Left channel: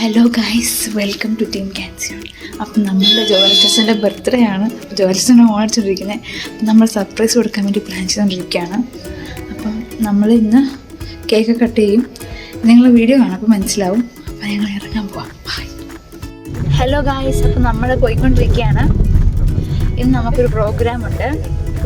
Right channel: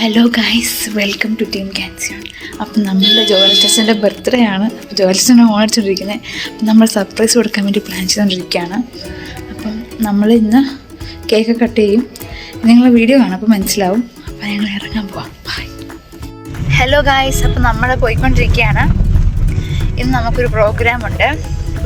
Hello guys, welcome to team ക്യാൻസിയോൺ. അപ്പം നമ്മളുടെ ജോലിച്ചൻ്റെ ബർത്ത്ഡേ ആണ്. ജോലിച്ചനെ ഓടിച്ചോണ്ടിരിക്കുന്നത്. അപ്പം നമ്മൾ സർപ്രൈസ് കൊടുക്കാൻ വേണ്ടി പ്ലാൻ ചെയ്തുകൊണ്ടിരിക്കുകയാണ്. അപ്പം നമ്മൾ ഇന്ന് കേക്ക് കട്ട് ചെയ്യും. നിങ്ങൾ വീഡിയോ കാണാം, അപ്പോൾ മനസ്സിലാവും. അപ്പം ഞങ്ങൾ ഇറങ്ങാൻ പോവാം. ബൈ. ഹലോ ഗൈസ്, അപ്പം നമ്മൾ പോയിക്കൊണ്ടിരിക്കുകയാണ്. ഇന്ന് നമുക്കൊരു പ്രോഗ്രാമുണ്ട്.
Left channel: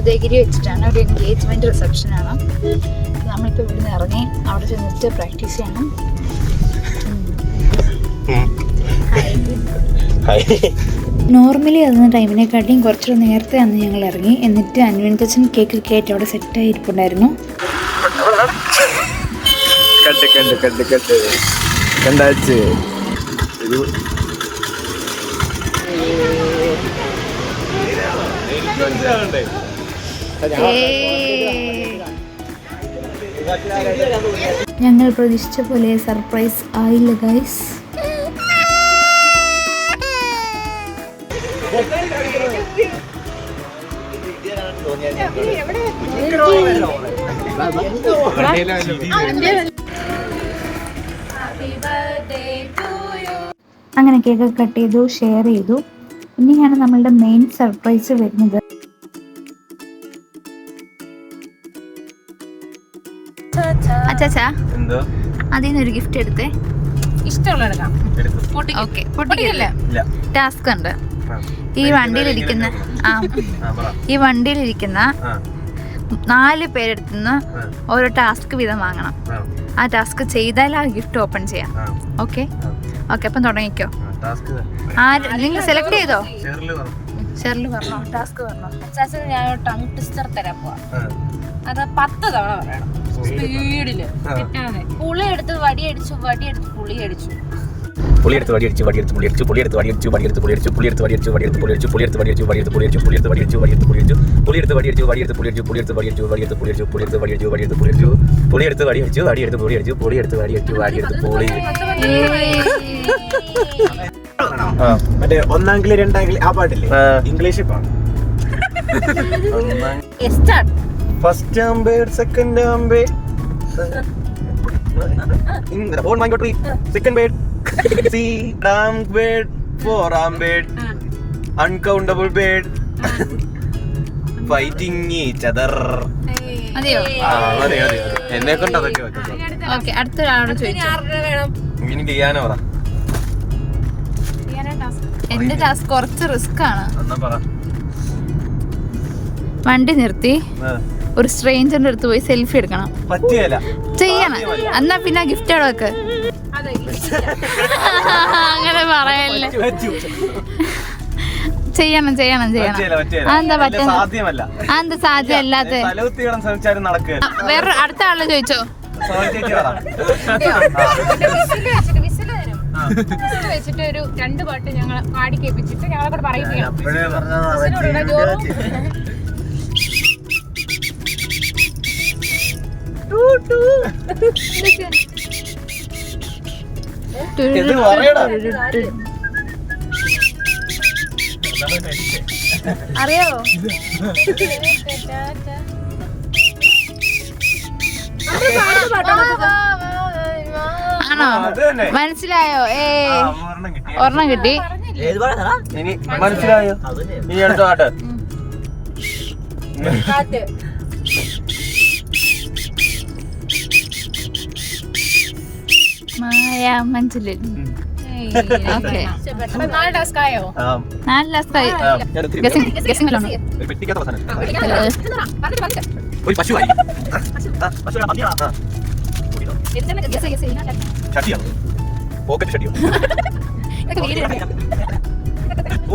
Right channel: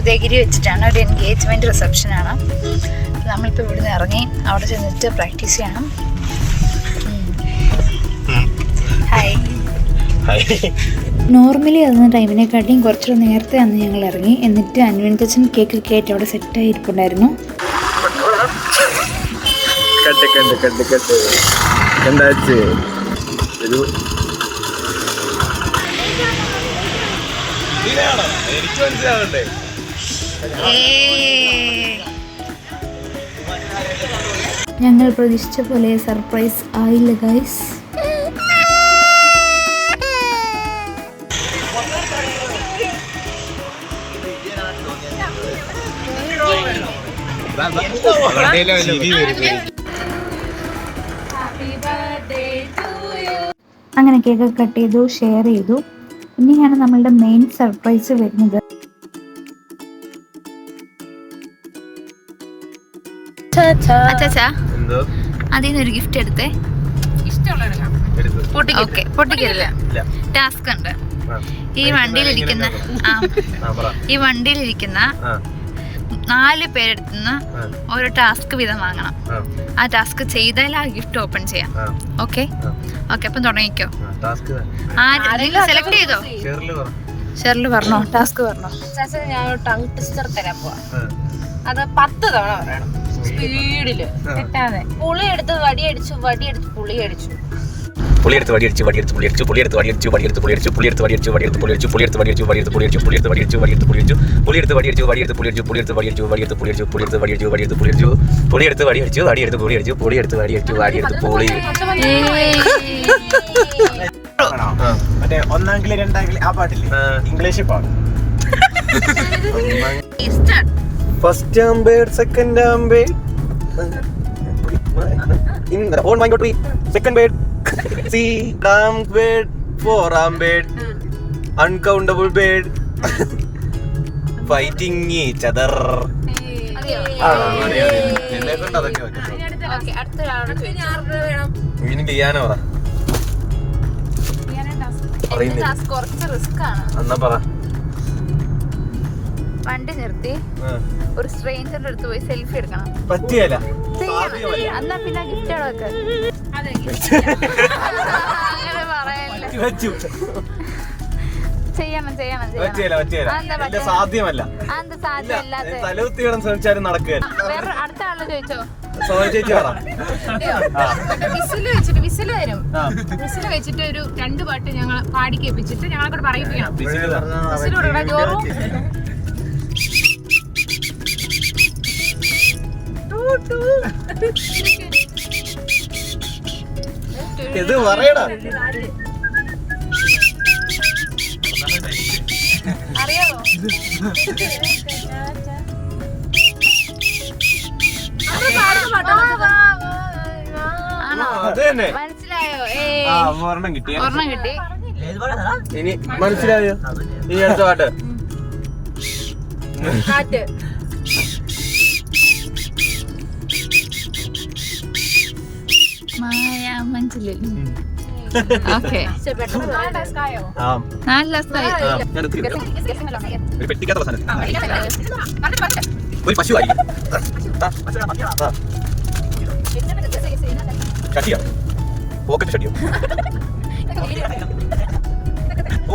ഉദയഗിരി വെച്ചിട്ടാണ്, ഒരു എൻഗേജ്മെൻറ്റ് റിസപ്ഷനാണ്. അപ്പം നമ്മളിപ്പോൾ ഇവിടുന്ന് ഇറങ്ങി അവിടെ ചെന്നിട്ട് പ്രാക്ടീസ് ചെയ്യണം. നോർമലി അന്ന് ടൈമിനെക്കാട്ടിയും കുറച്ചുകൂടെ നേരത്തെ അന്ന് ഞങ്ങൾ ഇറങ്ങി. എന്നിട്ട് അൻവൻതച്ചൻ കേക്ക് കയറ്റി അവിടെ സെറ്റായി ഇരിപ്പുണ്ടായിരുന്നു. ഞങ്ങൾ പ്രതീക്ഷിച്ച പോലെ സർപ്രൈസ് ആയില്ല ഗൈസ്. അങ്ങനെ കേക്ക് കട്ട് ചെയ്തു, ഷെയർ ചെയ്തു. ഇനിയാണ് നമ്മളുടെ മെയിൻ സർപ്രൈസ് വരുന്നത്. അച്ചാച്ചാ, അതിന്നൊരു ഗിഫ്റ്റ് എടുത്തേ. ഓക്കെ, പൊട്ടിക്കരുത്. ടാസ്ക് ഉണ്ട്. ഈ വണ്ടിയിലിരിക്കുന്ന 4 പേരെടുത്തുനിന്ന് ഓരോ ടാസ്ക് വീതം വാങ്ങണം. ആ ടാസ്ക് ചെയ്താൽ ആ ഗിഫ്റ്റ് ഓപ്പൺ ചെയ്യാം. ഓക്കെ ഓക്കെ, അപ്പം തുടങ്ങിക്കോ. നിങ്ങൾ സെലക്ട് ചെയ്തോ? ഷെറിൽ പറഞ്ഞോ, ടാസ്ക് പറഞ്ഞോ. ഞാൻ ടങ് ട്വിസ്റ്റർ തരാൻ പോവാ. അത് 10 തവണ പറയണം സ്പീഡില്. കിട്ടാതെ പുളിയെടുത്ത് വടിയടിച്ചു, വടിയെടുത്ത് പുളിയടിച്ചു, പുളിയെടുത്ത് വടിയടിച്ചു, വടിയെടുത്ത് പുളിയടിച്ചു, പുളിയെടുത്ത് വടിയടിച്ചു, വടിയെടുത്ത് പുളിയടിച്ചു, പുളിയെടുത്ത് വടിയടിച്ചു, വടിയെടുത്ത് പുളിയടിച്ചു, പുളിയെടുത്ത് വടിയടിച്ചു, വടിയെടുത്ത് പുളിയടിച്ചു, പുളിയെടുത്ത് വടിയടിച്ചു, വടിയെടുത്ത് പുളിയടിച്ചു, പുളിയെടുത്ത് വടിയടിച്ചു, വടിയെടുത്ത് പുളിയടിച്ചു, പുളിയെടുത്ത് വടിയടിച്ചു, വടിയെടുത്ത് പുളിയടിച്ചു, പുളിയെടുത്ത് വടിയടിച്ചു, വടിയെടുത്ത് പുളിയടിച്ചു, പുളിയെടുത്ത് വടിയടിച്ചു, വടിയെടുത്ത് പുളിയടിച്ചു, പുളിയെടുത്ത് വടിയടിച്ചു, വടിയെടുത്ത് പുളി. മറ്റേ 1-ാം കിളി 2-ാം കിളി ആ പാട്ടില്ലേ, ഇംഗ്ലീഷിൽ പാടും. ഫസ്റ്റ് ആംബേഡ്, സെക്കൻഡ് ആംബേഡ്, oh my god, second bed, third bed, fourth bed, uncountable bed, fighting each other. എന്നെ കൊണ്ട് അതൊക്കെ ഇനി ഡിയാനോ പറ. കുറച്ച് റിസ്ക് ആണ്. എന്നാ പറ. വണ്ടി നിർത്തി ഒരു സ്ട്രേഞ്ചറിന്റെ അടുത്ത് പോയി സെൽഫി എടുക്കണം. പറ്റിയല്ല, ചെയ്യണം. എന്നാ പിന്നെ ഗിഫ്റ്റ് അവിടെയൊക്കെ അങ്ങനെ പറയല്ലേ. ചെയ്യണം ചെയ്യണം ചെയ്യണം. സാധ്യമല്ല. അതെന്താ സാധ്യമല്ലാത്ത? ശ്രമിച്ചാലും നടക്കുക. വേറെ അടുത്ത ആള് ചോദിച്ചോ. ചേച്ചി പറ. വിസിൽ വരും. വിസിൽ വെച്ചിട്ട് ഒരു 2 പാട്ട് ഞങ്ങൾ പാടി കേൾപ്പിച്ചിട്ട് ഞങ്ങളെ കൂടെ പറയിപ്പിക്കണം. ഇത് പറയണ അറിയോ? ആണോ? മനസ്സിലായോ? ഒരെണ്ണം കിട്ടി. ഇനി മനസ്സിലായോ? ഇനി അടുത്ത പാട്ട്. കാറ്റ്. മായ മഞ്ചലിൽ. ഓക്കെ, 4 ടാസ്ക് ആയോ? 4 ടാസ്കായി. ഒരു പശു ആയിരിക്കും. ഷട്ടിയോ? പോക്കറ്റ് ഷട്ടിയോ? Oh,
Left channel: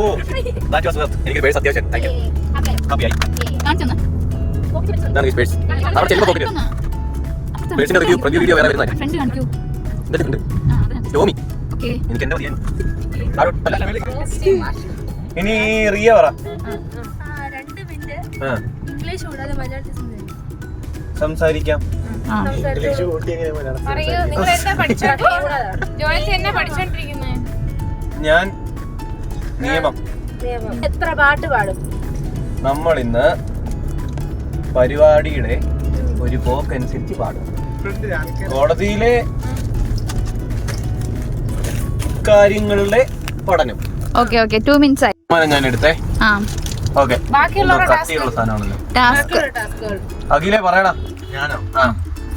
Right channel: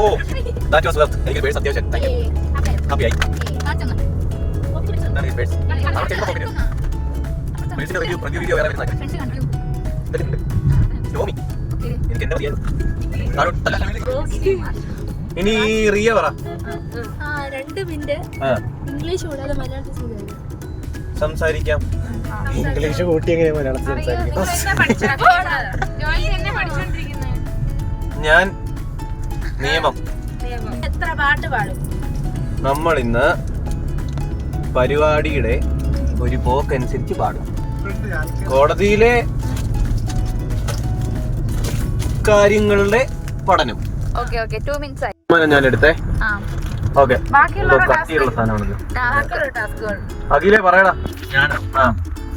that was well. എനിക്ക് പേഴ്സ് അത്യാവശ്യം. Thank you. ഹാപ്പി ആയി. ഇതാണ് പേഴ്സ്. അവിടെ ചെല്ലുമ്പോൾ പോക്കറ്റ്. പേഴ്സിന്റെ റിവ്യൂ വേറെ വരുന്നതായി. എന്നിട്ടുണ്ട് യോമി. എനിക്ക് എന്നെ മതിയായിരുന്നു. ഇനി റിയ പറ. 2 മിനിറ്റ് ഇംഗ്ലീഷ് കൂടാതെ മലയാളത്തിൽ സംസാരിക്കാം. ഇംഗ്ലീഷ് കൂട്ടി എങ്ങനെ മലയാളം? ഞാൻ നിയമം. എത്ര പാട്ട് പാടും? നമ്മൾ ഇന്ന് പരിപാടിയുടെ ഒരു പോക്കനുസരിച്ച് പാടും. കോടതിയിലെ കാര്യങ്ങളുടെ പഠനം. ഓക്കെ 2 minutes ആയി. ഞാൻ എടുത്തേ. ആ ഓക്കെ. എന്തോ കട്ടിയുള്ള സാധനമാണല്ലോ. ടാസ്ക് അഖിലേ പറയടാ. ഞാനോ? ആ,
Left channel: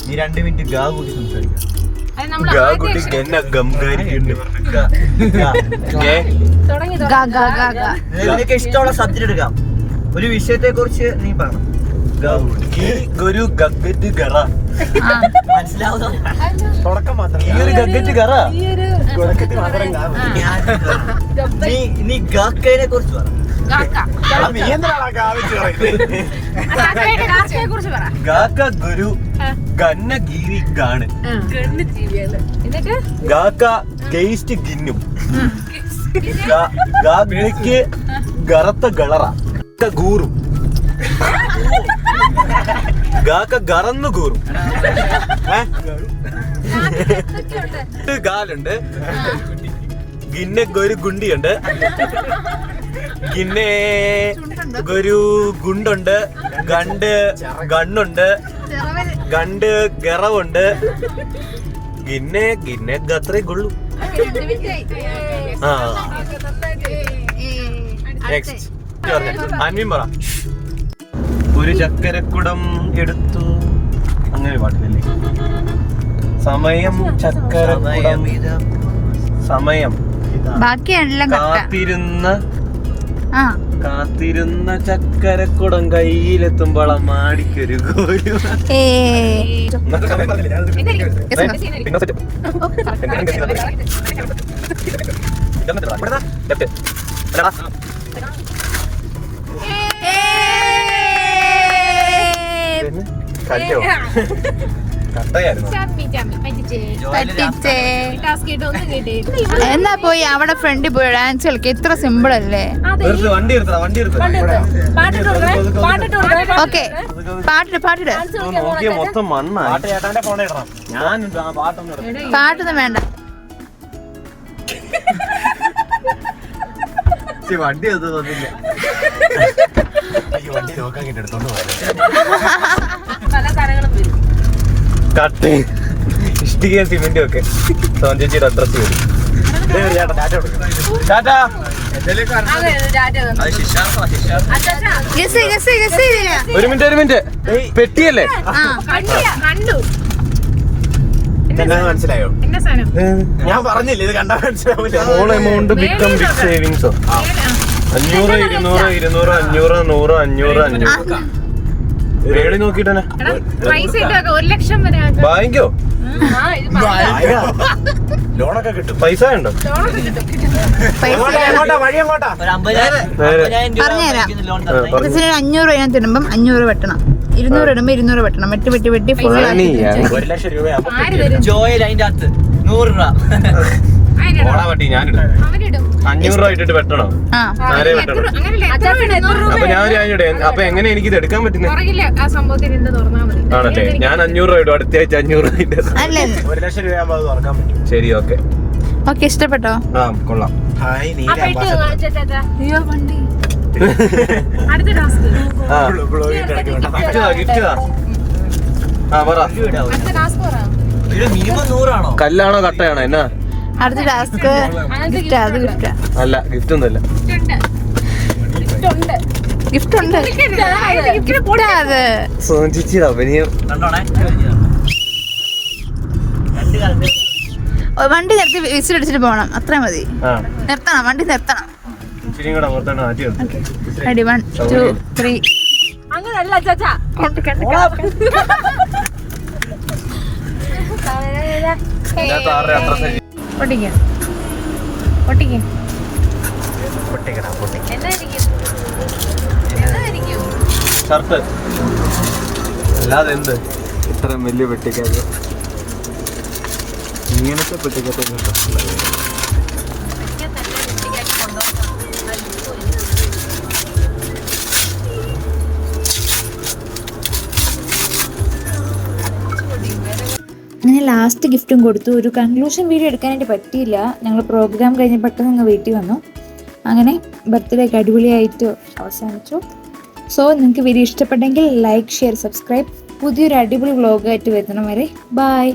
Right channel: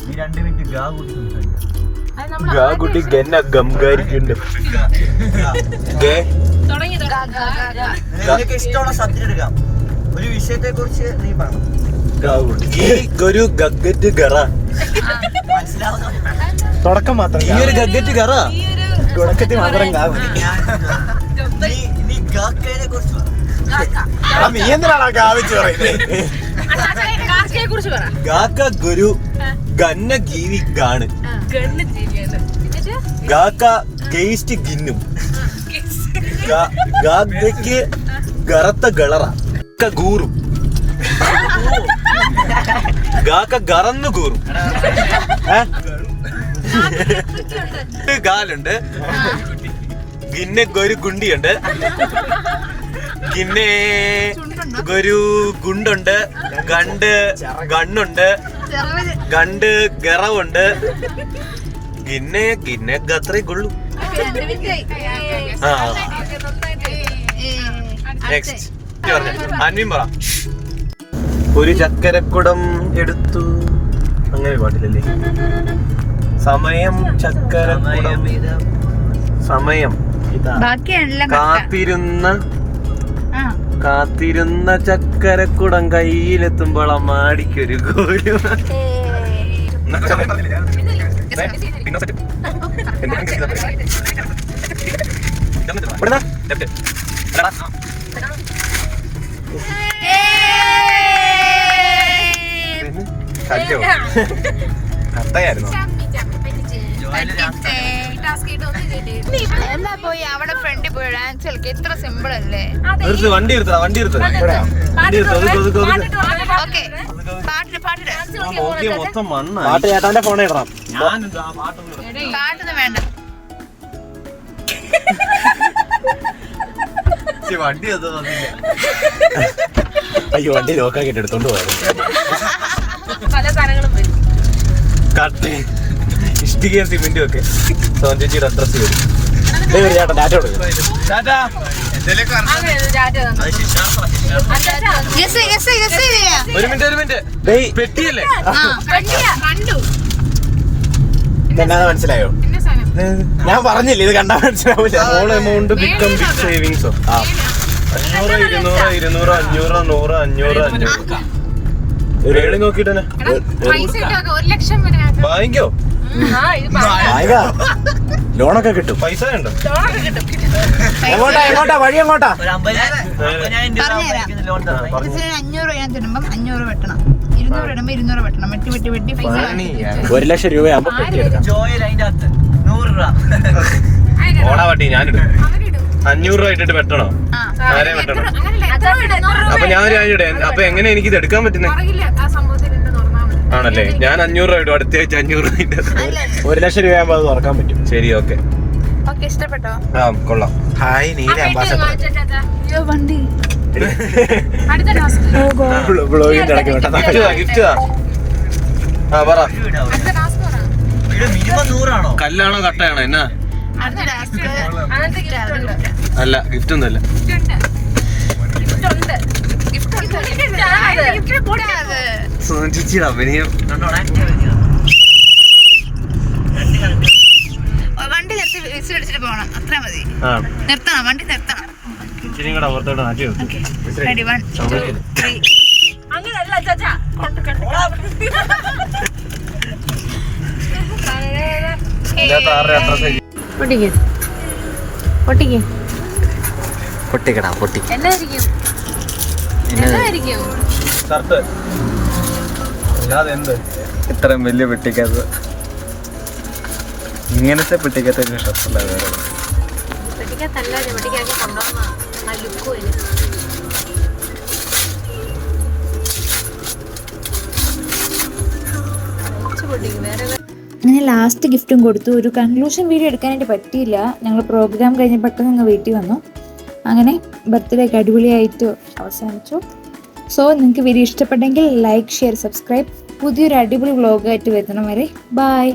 നീ 2 മിനിറ്റ് ഗാ കൂട്ടി സംസാരിക്കാം. ഗാ കുട്ടി ഗന്ന ഗംഗാരിക്കുണ്ട്. നിനക്ക് ഇഷ്ടമുള്ള സബ്ജക്ട് എടുക്കാം. ഒരു വിഷയത്തെ കുറിച്ച് നീ പറയണം. ഈ ഒരു ഗഗ്ഗറ്റ് ഗറ. മനസ്സിലാവുന്നോ? തുടക്കം മാത്രം. ഈ ഒരു ഗഗ്ഗറ്റ് ഗറ. തുടക്കത്തിൽ മാത്രം ഗാ കൂട്ടി. നീ ഗാക്കയെ കുറിച്ച് പറ. നീ എന്തിനാണ് ഗാ വെച്ച് പറയുന്നത്? ഗാക്ക ഗുരു ഗന്ന ജീവി ഗാണ്. ഗാക്ക ഗെയിസ്റ്റ് ഗിന്നും. ഗാഗയ്ക്ക് ഗറത്ത ഗളറ. ഗൂറും. ഗാക്ക ഗറന്നു കൂറും. ഗാലുണ്ട്. ഗിന്നെ ഗൊരു ഗുണ്ടിയുണ്ട്. ഗിന്നെ ഗൊരു ഗുണ്ടുണ്ട്. ഗണ്ട് ഗണ്ണുണ്ട്. ഗണ്ട് ഗറവുണ്ട്. ഗിന്നെ ഗത്രേ ഗുള്ളു. നെക്സ്റ്റ് അൻവിൻ പറ. ഒരു ചക്കരക്കുടം എടുത്തു. അങ്ങനെ പാട്ടില്ലല്ലേ? സമയം ചക്കരക്കുടം. സമയം ബാക്കിയെല്ലാം കാത്തിരുന്ന ചക്കരക്കുടം കയ്യിലെത്തുമ്പോൾ മാടിക്കൊരു ഗോരു. കട്ടയായിരുന്നു. എന്നാ പോയി അവിടെ ഫ്രണ്ടിൽ പോയി ഡാൻസ് കളിക്കുക. ഇത്ര സിമ്പിൾ അല്ലേ? വണ്ടി എടുത്തടാ. ഓക്കെ പാട്ടിട്ട് നോക്കിയ മൊത്തം മണ്ണാണ്. ചേട്ടാന്റെ ഫോൺ ഇടണം. ഞാൻ പാട്ടൊന്നും വേണ്ട. വണ്ടി ഒന്നും തന്നില്ല. അയ്യോ വണ്ടി ലോക്കാക്കിട്ട് എടുത്തോണ്ട് പോയത്. പല സാധനങ്ങളും വരും. കട്ടി ഇഷ്ടികയും സിമെന്റും ഒക്കെ ചേച്ചിയുടെ അഡ്രസ് വരും. ഒരു മിനിറ്റ് പെട്ടിയല്ലേ? മനസ്സിലായോ? ഞാൻ പറഞ്ഞില്ല ഇത് കണ്ടാ മനസ്സിലാവില്ല. ഓൾ എമൗണ്ട് ബിക്കം ബിഗ് സേവിങ്സോ? 500 200 200 500 100 500 രേണി നോക്കിട്ട് വാങ്ങിക്കോ. ലോണൊക്കെ കിട്ടും. പൈസ ഉണ്ടോ? പറഞ്ഞുതരാം. 500 രൂപ തരുമ്പം 500 വെട്ടണം. 200 ഇടുമ്പോ 200 വെട്ടണം. വെട്ടി ഫുൾ 1 ലക്ഷം രൂപയാകുമ്പോ ജോയിൽ അതിന്റെ അകത്ത് 100 രൂപ ഓണാ പട്ടി ഞാനിടും. 500 രൂപ ഇട്ടിട്ട് വെട്ടണോ? ആരെ വെട്ടണം? അപ്പൊ ഞാൻ ഇടേൻ. അപ്പൊ എങ്ങനെ എനിക്ക് ഇത് എടുക്കാൻ പറ്റുന്നത്? ആണല്ലേ? ഞാൻ 500 രൂപ ഇടും. അടുത്ത ആഴ്ച 500 രൂപ 1 ലക്ഷം രൂപയാകുമ്പോ അത് തുറക്കാൻ പറ്റും. ശരി ഓക്കെ. ഇഷ്ടപ്പെട്ടോ? ആ കൊള്ളാം. ഹായ് നീല അംബാസഡർ. വണ്ടി ഗിഫ്റ്റ് ആ പറ. മിനിമം 100 ആണോ? കല്ലാണോ കട്ടയാണോ എന്നാ? അടുത്ത ടാസ്ക് അല്ല ഗിഫ്റ്റ് ഒന്നുമല്ല. ഗിഫ്റ്റ് ഉണ്ട്. ചേച്ചിയുടെ അഭിനയം. വണ്ടി നിർത്തി വിസിലടിച്ചിട്ട് പോകണം. അത്ര മതി. നിർത്തണം. വണ്ടി നിർത്തണം. ഇച്ചിരി കൂടെ പുറത്തോട്ട് മാറ്റി വെക്കും. റെഡി 1 2 3. ഷർട്ട് അല്ലാതെ എന്ത് ഇത്രയും വലിയ പെട്ടിക്കകത്ത് ഇങ്ങനത്തെ പെട്ടിക്കകത്ത് ഷർട്ടല്ല വേറെ. അങ്ങനെ ലാസ്റ്റ് ഗിഫ്റ്റും കൊടുത്തു. ഒരു കൺക്ലൂഷൻ വീഡിയോ എടുക്കാനായിട്ട് പറ്റിയില്ല. ഞങ്ങൾ പ്രോഗ്രാം കഴിഞ്ഞ് പെട്ടെന്ന് ഞങ്ങൾ വീട്ടിൽ വന്നു. അങ്ങനെ ബർത്ത്ഡേ ഒക്കെ അടിപൊളിയായിട്ട് അവസാനിച്ചു. സോ നിങ്ങൾക്ക് വീഡിയോ ഇഷ്ടപ്പെട്ടെങ്കിൽ ലൈക്ക് ഷെയർ സബ്സ്ക്രൈബ്. പുതിയൊരു അടിപൊളി വ്ളോഗായിട്ട് വരുന്നവരെ ബൈ.